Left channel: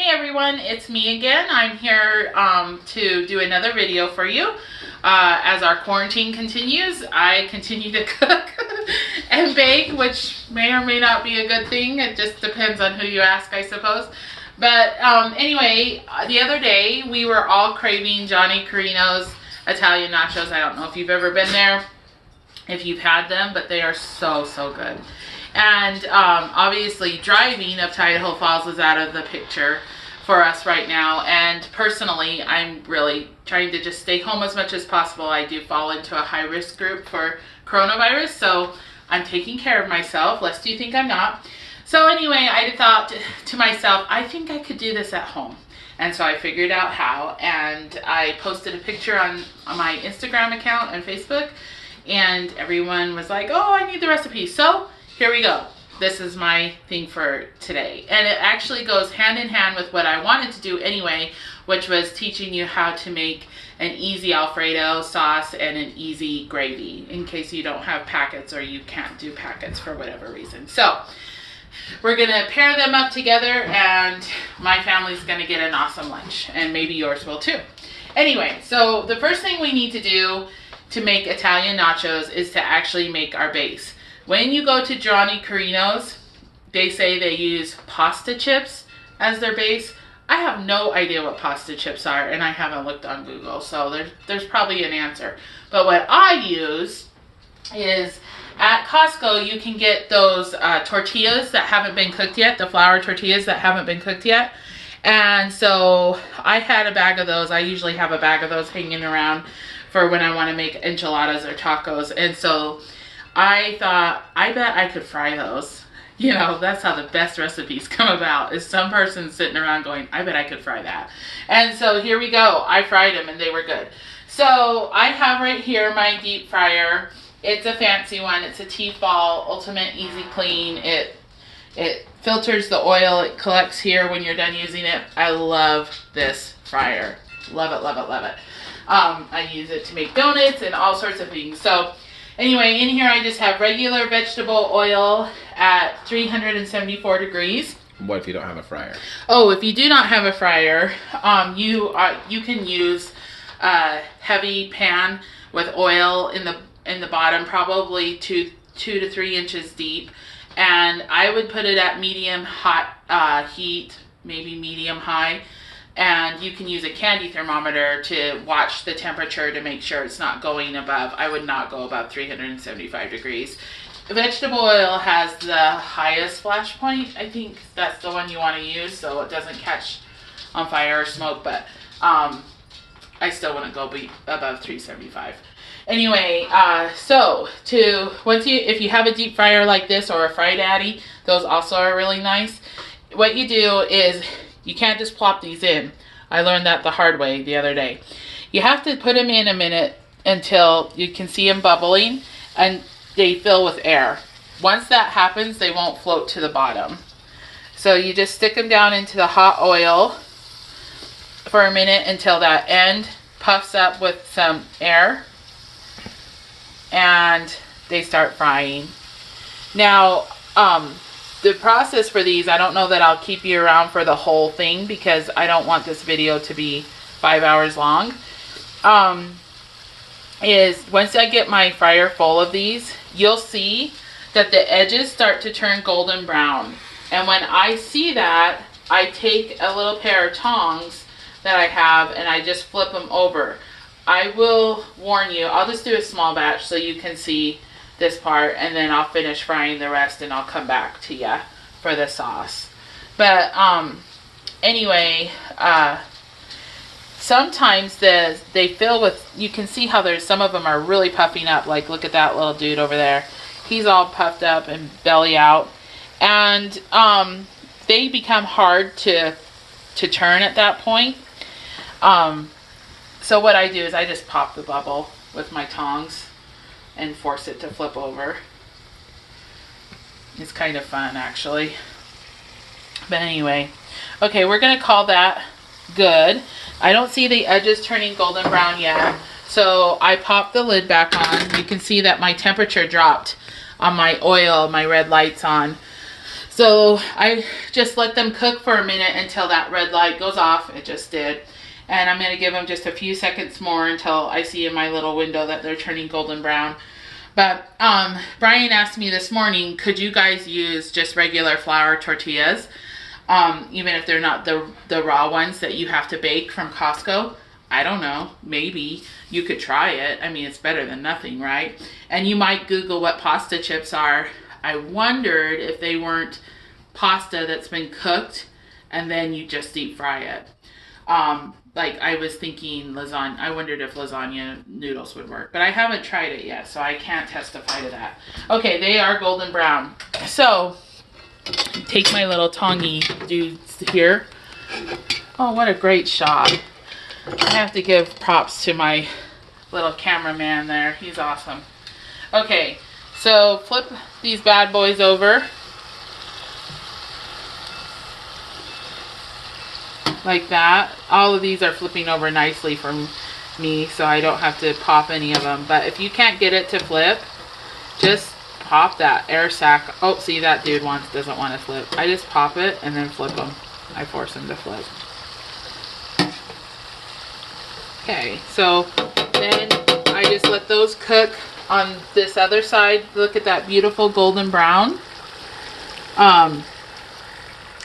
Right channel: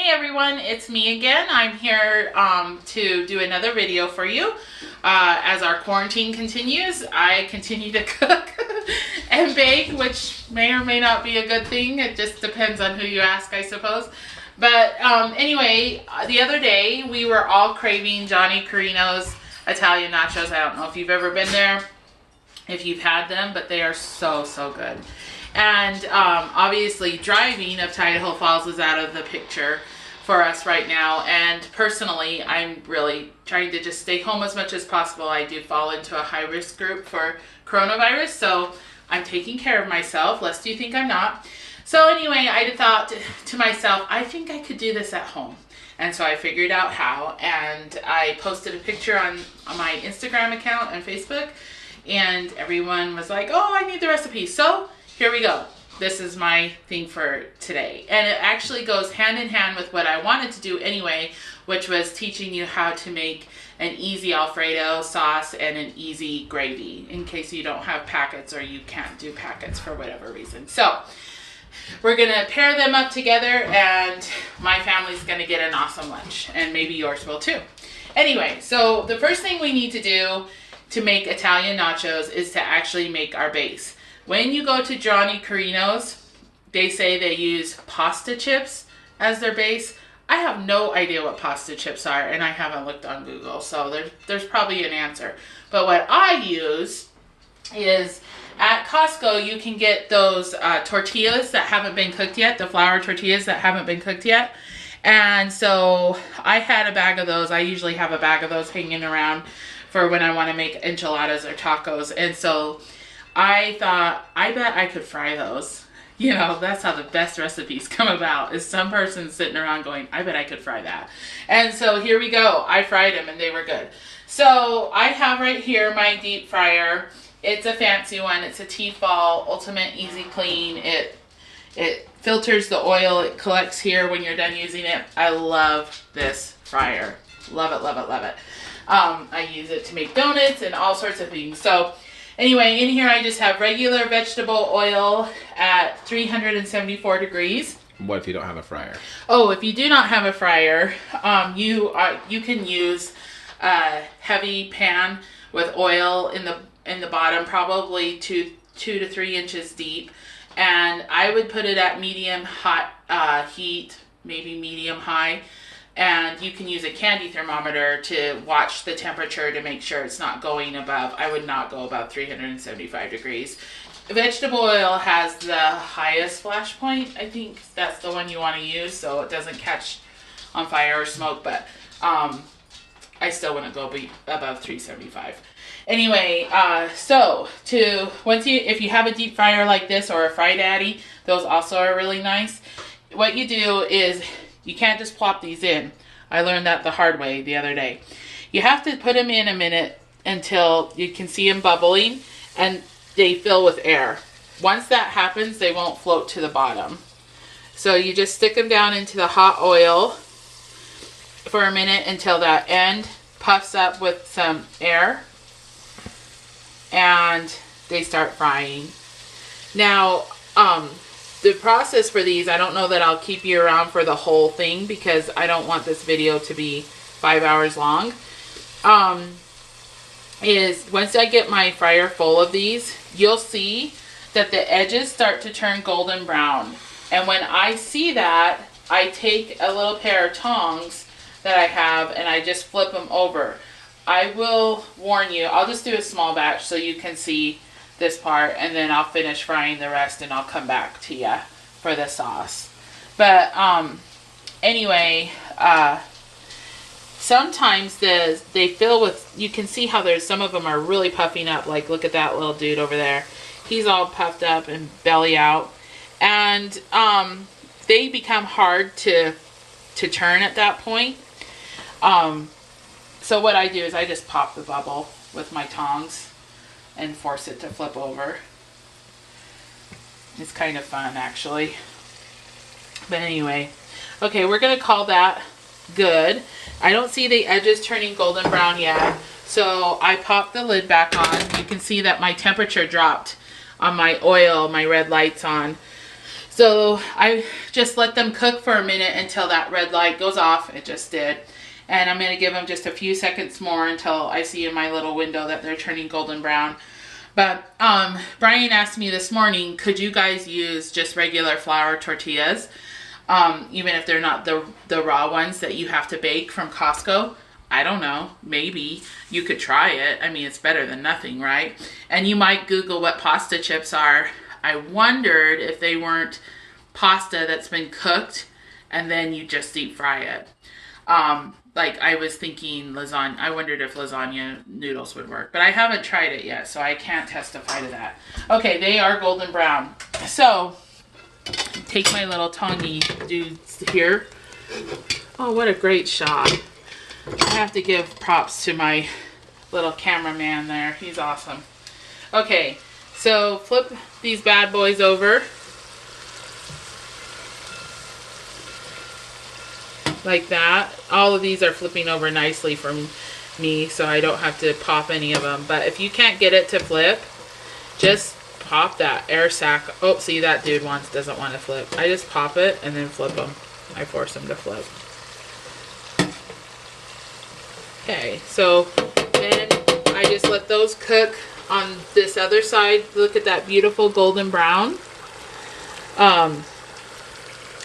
Hey everyone, it's me again. I'm here to do another video for you. As our quarantine continues, I continue to cook and bake, which may or may not be a good thing. It just depends on who you ask, I suppose. But anyway, the other day we were all craving Johnny Carino's Italian nachos. I don't know if you've ever been there, if you've had them, but they are so good. And obviously driving up to Idaho Falls is out of the picture for us right now. And personally, I'm really trying to just stay home as much as possible. I do fall into a high risk group for coronavirus, so I'm taking care of myself, lest you think I'm not. So anyway, I thought to myself, I think I could do this at home. And so I figured out how, and I posted a picture on my Instagram account and Facebook, and everyone was like, oh, I need the recipe. So here we go. This is my thing for today. And it actually goes hand in hand with what I wanted to do anyway, which was teaching you how to make an easy Alfredo sauce and an easy gravy, in case you don't have packets or you can't do packets for whatever reason. So we're gonna pair them up together and my family's gonna get an awesome lunch, and maybe yours will too. Anyway, so the first thing we need to do to make Italian nachos is to actually make our base. When you go to Johnny Carino's, they say they use pasta chips as their base. I have no idea what pasta chips are, and I haven't looked on Google, so there's probably an answer. But what I use is, at Costco, you can get those tortillas that haven't been cooked yet, the flour tortillas that haven't been cooked yet. And so I had a bag of those. I usually have a bag of those hanging around for when I want to make enchiladas or tacos. And so I thought, I bet I could fry those. You know, that's how the best recipes come about, is some person sitting around going, I bet I could fry that. And so here we go. I fried them and they were good. So I have right here my deep fryer. It's a fancy one. It's a Tefal Ultimate Easy Clean. It filters the oil. It collects here when you're done using it. I love this fryer. Love it, love it, love it. I use it to make donuts and all sorts of things. So anyway, in here I just have regular vegetable oil at 374 degrees. What if you don't have a fryer? Oh, if you do not have a fryer, you can use a heavy pan with oil in the bottom, probably 2 to 3 inches deep, and I would put it at medium hot heat, maybe medium high. And you can use a candy thermometer to watch the temperature to make sure it's not going above. I would not go above 375 degrees. Vegetable oil has the highest flash point. I think that's the one you want to use so it doesn't catch on fire or smoke, but I still wouldn't go above 375. Anyway, so if you have a deep fryer like this or a Fry Daddy, those also are really nice. What you do is, you can't just plop these in. I learned that the hard way the other day. You have to put them in a minute until you can see them bubbling and they fill with air. Once that happens, they won't float to the bottom. So you just stick them down into the hot oil for a minute until that end puffs up with some air and they start frying. Now, the process for these, I don't know that I'll keep you around for the whole thing because I don't want this video to be 5 hours long. Is once I get my fryer full of these, you'll see that the edges start to turn golden brown. And when I see that, I take a little pair of tongs that I have and I just flip them over. I will warn you, I'll just do a small batch so you can see this part, and then I'll finish frying the rest and I'll come back to you for the sauce. But anyway, sometimes they fill with, you can see how there's some of them are really puffing up. Like, look at that little dude over there. He's all puffed up and belly out, and they become hard to turn at that point. So what I do is I just pop the bubble with my tongs and force it to flip over. It's kind of fun, actually. But anyway, okay, we're gonna call that good. I don't see the edges turning golden brown yet, so I pop the lid back on. You can see that my temperature dropped on my oil, my red light's on. So I just let them cook for a minute until that red light goes off. It just did. And I'm going to give them just a few seconds more until I see in my little window that they're turning golden brown. But Brian asked me this morning, could you guys use just regular flour tortillas? Even if they're not the raw ones that you have to bake from Costco. I don't know, maybe you could try it. I mean, it's better than nothing, right? And you might Google what pasta chips are. I wondered if they weren't pasta that's been cooked and then you just deep fry it. Like I was thinking lasagna. I wondered if lasagna noodles would work, but I haven't tried it yet, so I can't testify to that. Okay, they are golden brown. So take my little tongy dudes here. Oh, what a great shot. I have to give props to my little cameraman there. He's awesome. Okay, so flip these bad boys over. Like that. All of these are flipping over nicely for me, so I don't have to pop any of them. But if you can't get it to flip, just pop that air sac. Oh, see, that dude doesn't want to flip. I just pop it and then flip them. I force him to flip. Okay, so then I just let those cook on this other side. Look at that beautiful golden brown.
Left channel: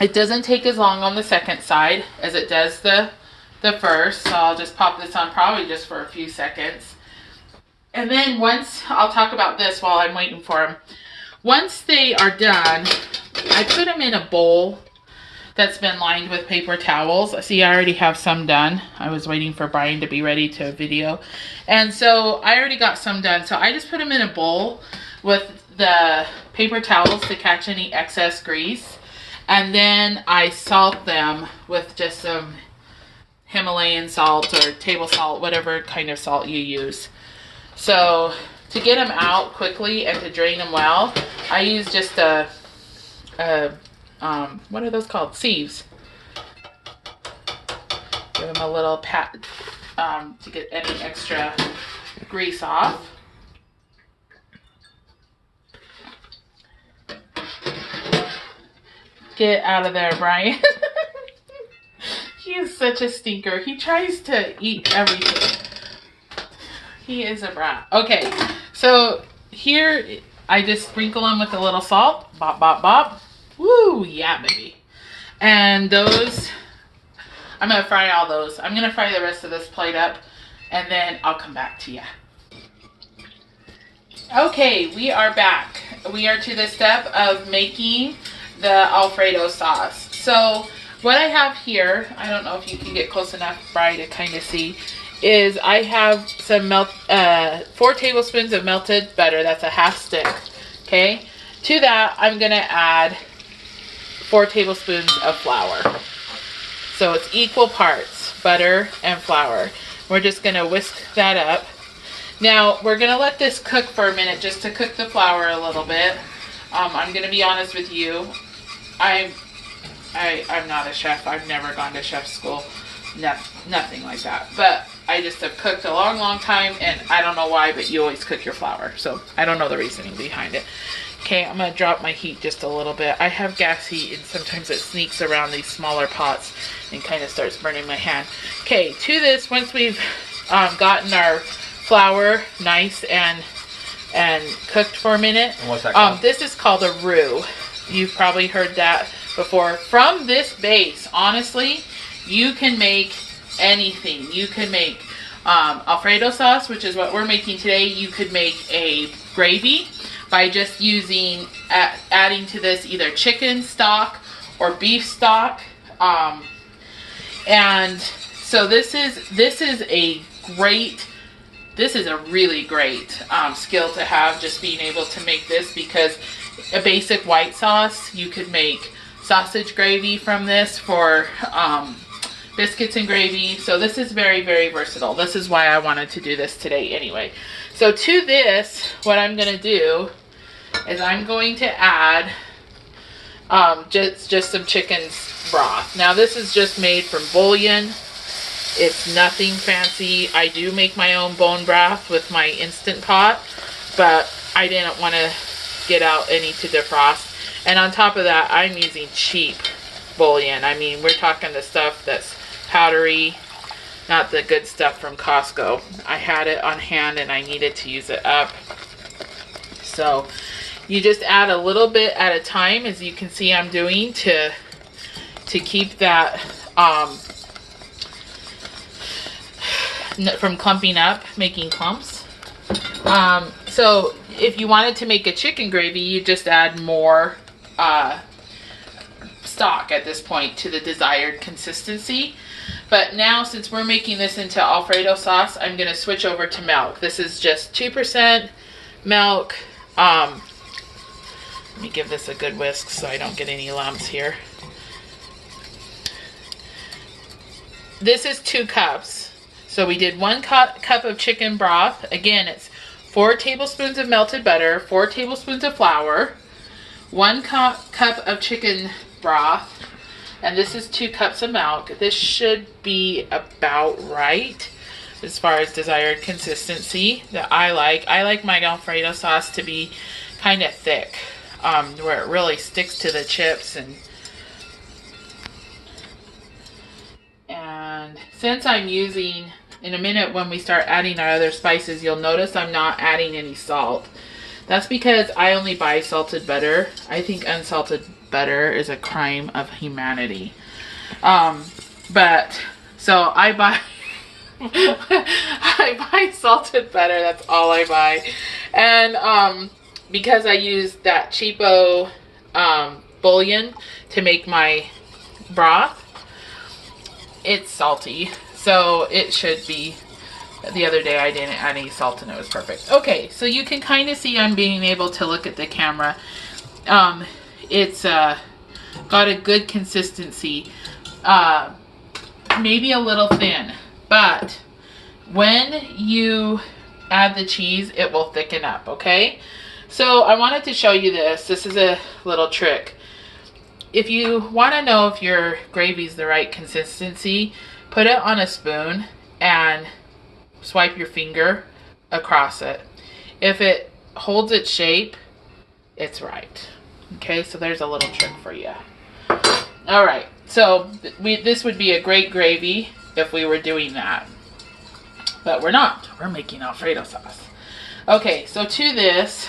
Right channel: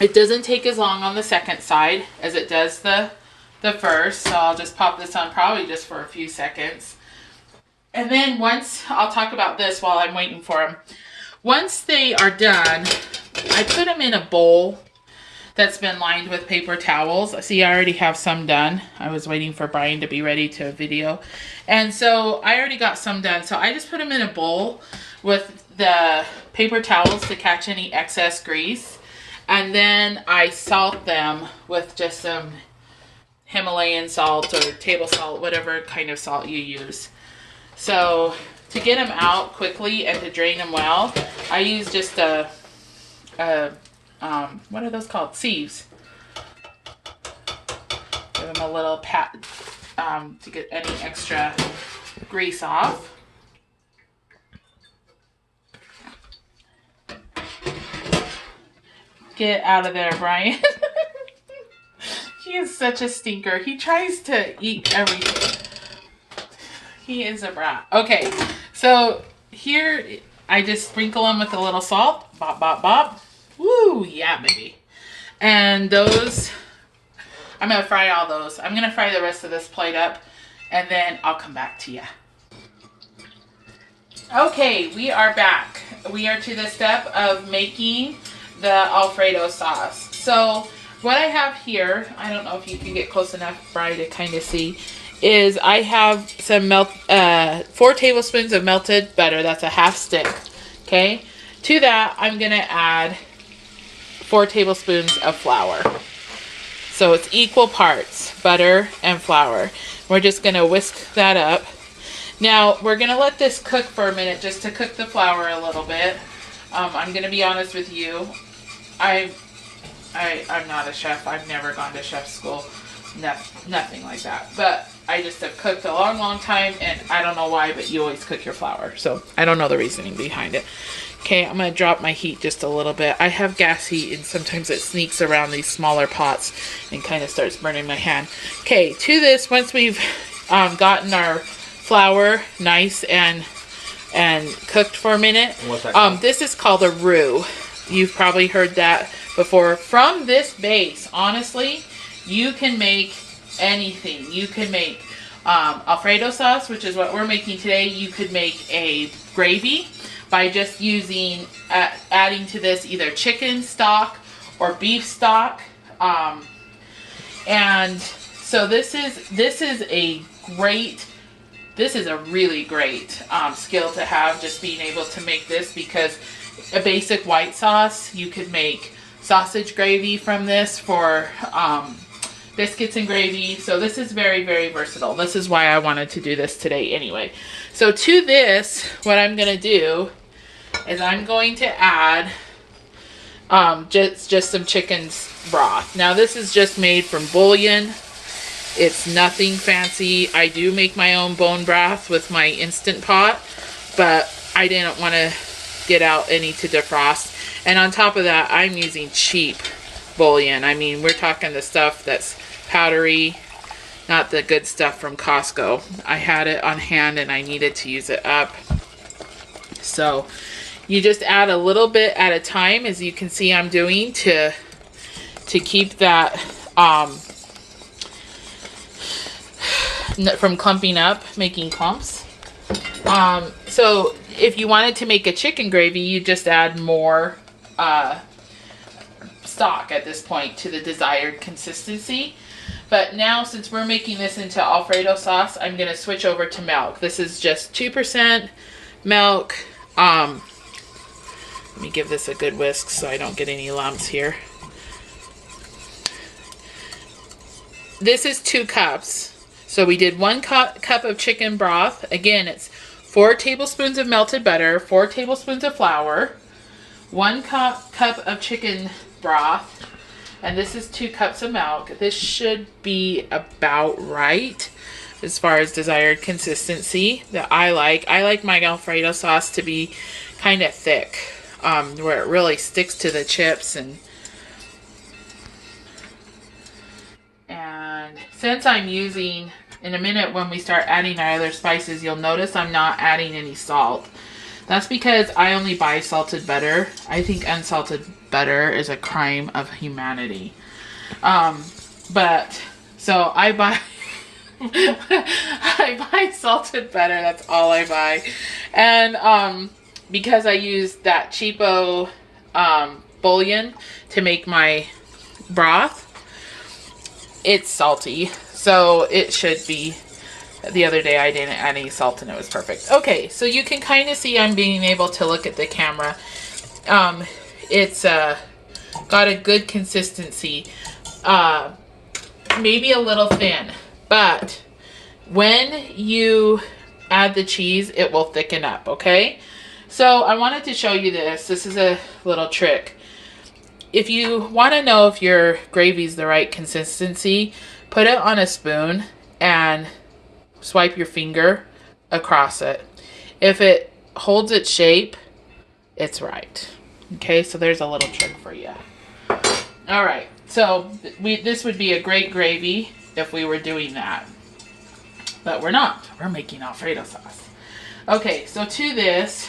It doesn't take as long on the second side as it does the first, so I'll just pop this on probably just for a few seconds. And then I'll talk about this while I'm waiting for them. Once they are done, I put them in a bowl that's been lined with paper towels. See, I already have some done. I was waiting for Brian to be ready to video. And so I already got some done. So I just put them in a bowl with the paper towels to catch any excess grease. And then I salt them with just some Himalayan salt or table salt, whatever kind of salt you use. So to get them out quickly and to drain them well, I use just what are those called? Sieves. Give them a little pat to get any extra grease off. Get out of there, Brian. He is such a stinker. He tries to eat everything. He is a brat. Okay, so here I just sprinkle them with a little salt. Bop, bop, bop. Woo, yeah, baby. And those, I'm going to fry all those. I'm going to fry the rest of this plate up, and then I'll come back to you. Okay, we are back. We are to the step of making the Alfredo sauce. So what I have here, I don't know if you can get close enough, Bri, to kind of see, is I have some 4 tablespoons of melted butter. That's a half stick. Okay. To that, I'm going to add 4 tablespoons of flour. So it's equal parts, butter and flour. We're just going to whisk that up. Now, we're going to let this cook for a minute just to cook the flour a little bit. I'm going to be honest with you. I'm not a chef. I've never gone to chef school. Nothing like that. But I just have cooked a long, long time, and I don't know why, but you always cook your flour. So I don't know the reasoning behind it. Okay, I'm going to drop my heat just a little bit. I have gas heat, and sometimes it sneaks around these smaller pots and kind of starts burning my hand. Okay, to this, once we've gotten our flour nice and cooked for a minute. And what's that called? This is called a roux. You've probably heard that before. From this base, honestly, you can make anything. You can make Alfredo sauce, which is what we're making today. You could make a gravy by just adding to this either chicken stock or beef stock. And so this is a really great skill to have, just being able to make this, because a basic white sauce, you could make sausage gravy from this for biscuits and gravy. So this is very, very versatile. This is why I wanted to do this today anyway. So to this, what I'm going to do is I'm going to add just some chicken broth. Now this is just made from bouillon. It's nothing fancy. I do make my own bone broth with my Instant Pot, but I didn't want to get out any to defrost. And on top of that, I'm using cheap bouillon. I mean, we're talking the stuff that's powdery, not the good stuff from Costco. I had it on hand and I needed to use it up. So you just add a little bit at a time, as you can see I'm doing, to keep that from clumping up, making clumps. So if you wanted to make a chicken gravy, you just add more stock at this point to the desired consistency. But now, since we're making this into Alfredo sauce, I'm going to switch over to milk. This is just 2% milk. Let me give this a good whisk so I don't get any lumps here. This is 2 cups. So we did 1 cup of chicken broth. Again, it's 4 tablespoons of melted butter, 4 tablespoons of flour, 1 cup of chicken broth, and this is 2 cups of milk. This should be about right as far as desired consistency that I like. I like my Alfredo sauce to be kind of thick, where it really sticks to the chips. And since I'm using, in a minute when we start adding our other spices, you'll notice I'm not adding any salt. That's because I only buy salted butter. I think unsalted butter is a crime of humanity. But so I buy I buy salted butter. That's all I buy. And because I use that cheapo bouillon to make my broth, it's salty. So it should be. The other day I didn't add any salt and it was perfect. Okay, so you can kind of see I'm being able to look at the camera. It's got a good consistency. Maybe a little thin, but when you add the cheese, it will thicken up, okay? So I wanted to show you this. This is a little trick. If you want to know if your gravy's the right consistency, put it on a spoon and swipe your finger across it. If it holds its shape, it's right. Okay, so there's a little trick for you. All right, so this would be a great gravy if we were doing that. But we're not. We're making Alfredo sauce. Okay, so to this,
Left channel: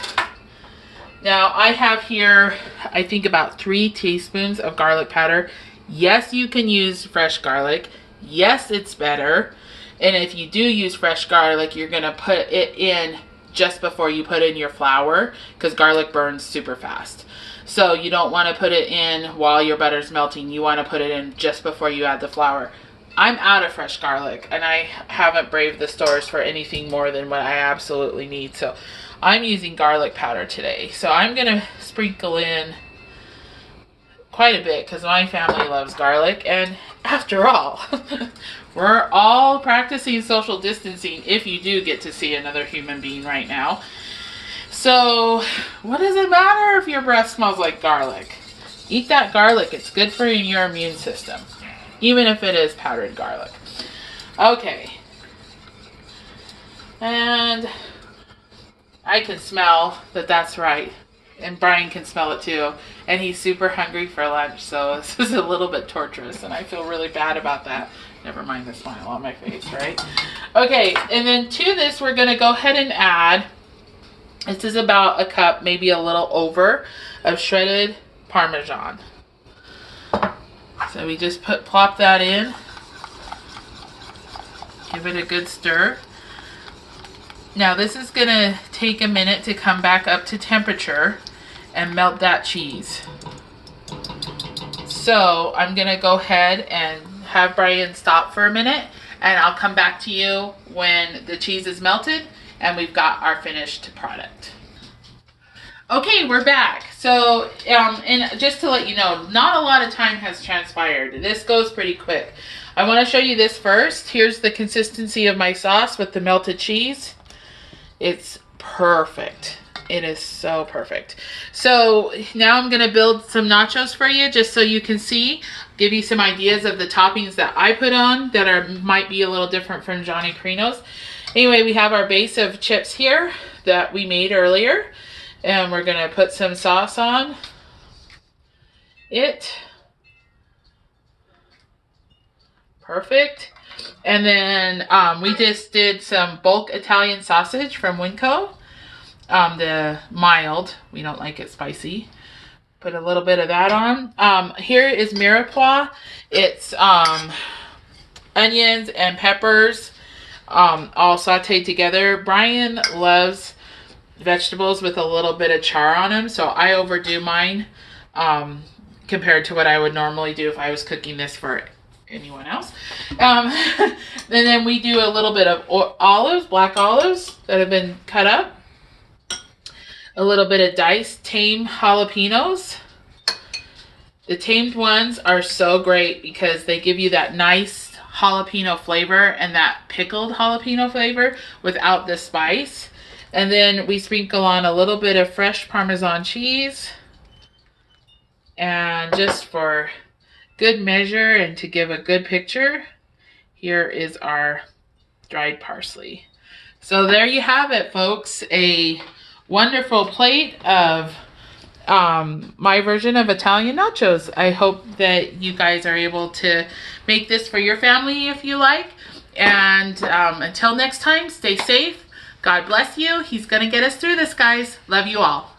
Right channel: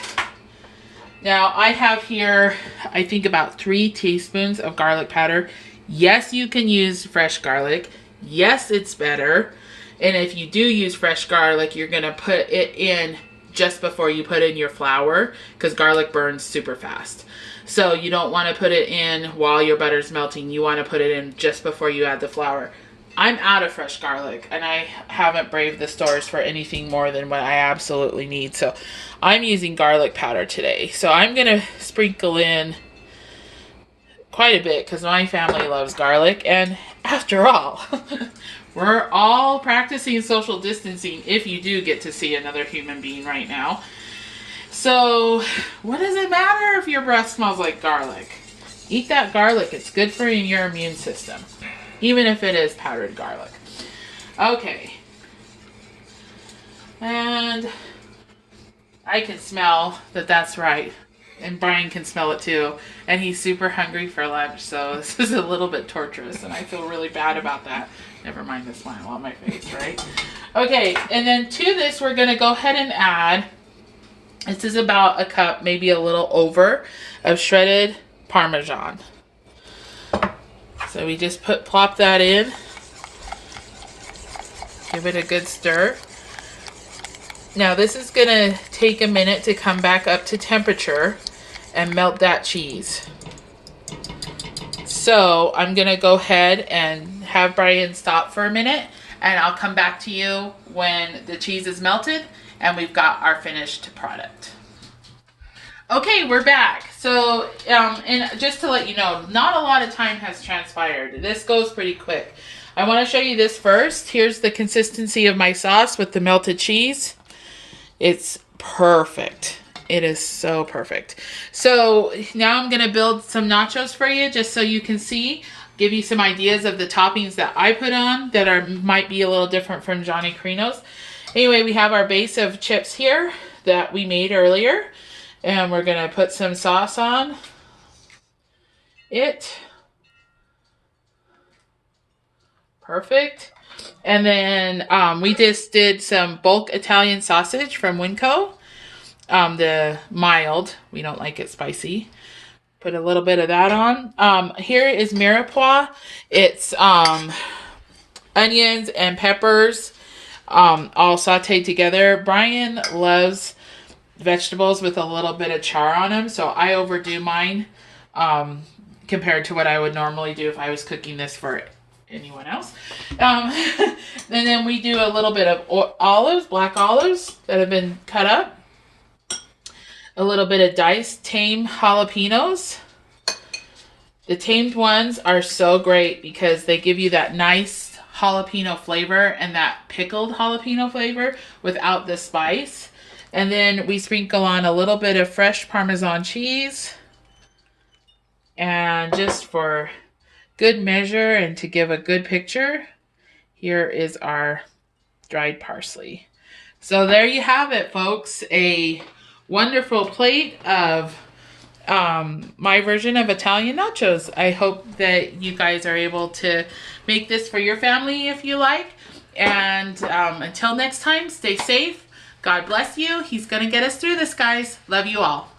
now I have here, I think about 3 teaspoons of garlic powder. Yes, you can use fresh garlic. Yes, it's better. And if you do use fresh garlic, you're going to put it in just before you put in your flour, because garlic burns super fast. So you don't want to put it in while your butter's melting. You want to put it in just before you add the flour. I'm out of fresh garlic, and I haven't braved the stores for anything more than what I absolutely need. So I'm using garlic powder today. So I'm going to sprinkle in quite a bit because my family loves garlic. And after all, we're all practicing social distancing if you do get to see another human being right now. So what does it matter if your breath smells like garlic? Eat that garlic. It's good for your immune system, even if it is powdered garlic. Okay. And I can smell that that's right. And Brian can smell it too. And he's super hungry for lunch. So this is a little bit torturous. And I feel really bad about that. Never mind the smile on my face, right? Okay. And then to this, we're going to go ahead and add, this is about a cup, maybe a little over, of shredded Parmesan. So we just plop that in. Give it a good stir. Now this is going to take a minute to come back up to temperature and melt that cheese. So I'm going to go ahead and have Brian stop for a minute, and I'll come back to you when the cheese is melted and we've got our finished product. Okay, we're back. So, and just to let you know, not a lot of time has transpired. This goes pretty quick. I want to show you this first. Here's the consistency of my sauce with the melted cheese. It's perfect. It is so perfect. So now I'm going to build some nachos for you just so you can see, give you some ideas of the toppings that I put on that might be a little different from Johnny Carino's. Anyway, we have our base of chips here that we made earlier, and we're going to put some sauce on. it. Perfect. And then we just did some bulk Italian sausage from Winco. The mild. We don't like it spicy. Put a little bit of that on. Here is mirepoix. It's onions and peppers all sauteed together. Brian loves vegetables with a little bit of char on them, so I overdo mine compared to what I would normally do if I was cooking this for anyone else. And then we do a little bit of olives, black olives that have been cut up. A little bit of diced tame jalapenos. The tamed ones are so great because they give you that nice jalapeno flavor and that pickled jalapeno flavor without the spice. And then we sprinkle on a little bit of fresh Parmesan cheese. And just for good measure and to give a good picture, here is our dried parsley. So there you have it, folks. A wonderful plate of my version of Italian nachos. I hope that you guys are able to make this for your family if you like. And until next time, stay safe. God bless you. He's going to get us through this, guys. Love you all.